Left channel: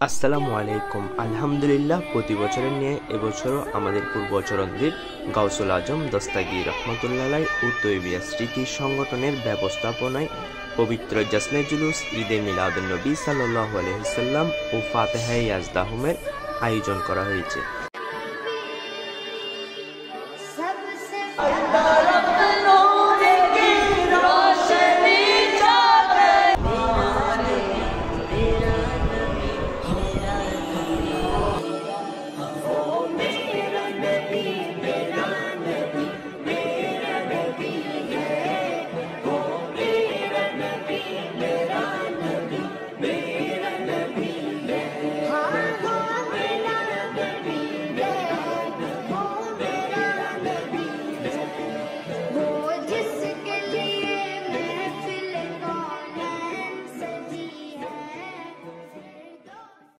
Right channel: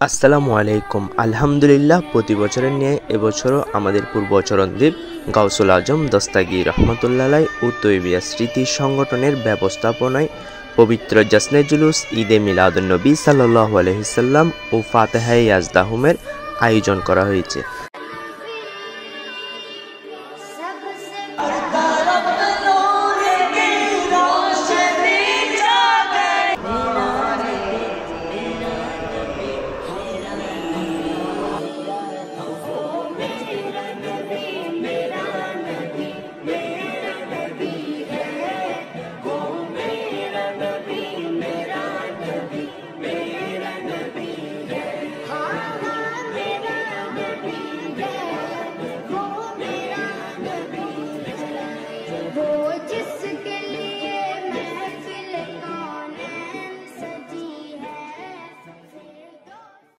আসসালামু আলাইকুম। আলহামদুলিল্লাহ, প্রতি বছরের ন্যায় এবছরও আমাদের পূর্বচরণদ্বীপ গাউসুল আজম দস্তাগীর রহমতুল্লাহ আলাইহ ও তৈবিয়া স্মৃতি সংগঠনের ব্যবস্থাপনায় পবিত্র জাসনে জুলুস ঈদে মিলাদুন্নবী সাল্লাল্লাহু আলাইহি সাল্লাম ও ফাতেহায়ে ইয়াজদাহুমের আয়োজন করা হয়েছে।